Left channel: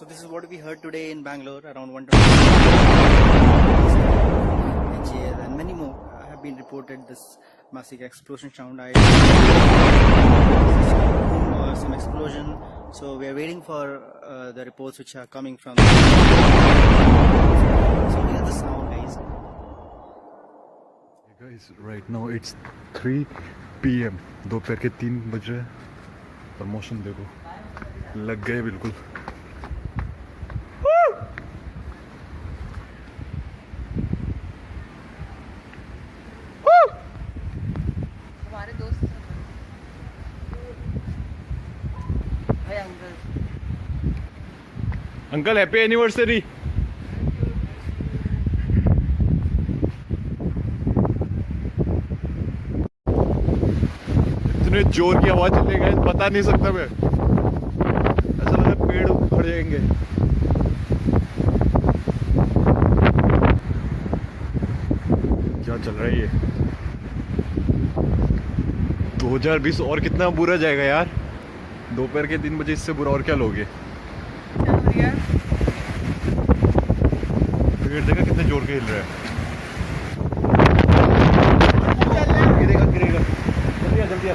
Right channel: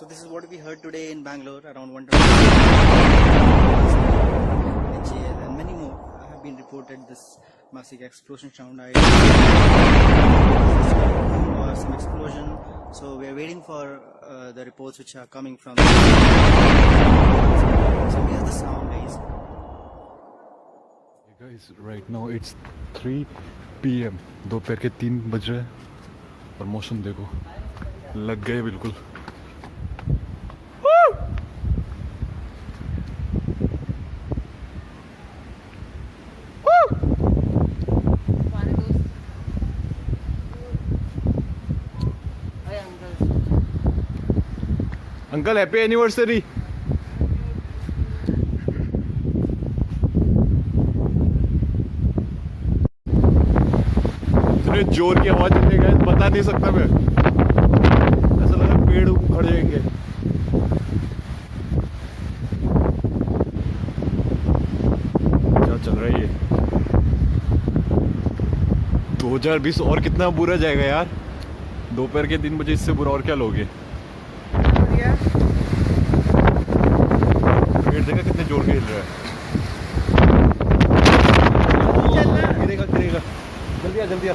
So this is what we heard today in Bangalore, around 120 and many more have been reported this massive explosion sound. Or some explosion. So we are waiting for the reports which are coming from. So here's the sound, guys. Hey guys, right now it's 3 PM. दोपहर के 3 बज रहे हैं और मौसम देखो लग गए बिल्कुल. Uncle happy anniversary. इतने जोर की आवाज चलेगा बता नहीं सकता मैं. ऐसा लग रहा है पेड़ उखड़ जाएंगे. क्या चल रहा है ये 2020 और कितना बुरा जाएगा यार. दोपहर के 3 बजे इससे बुरा और क्या लोगे. पेड़ देखा कितने जोर के हिल रहा है. जल्दी आ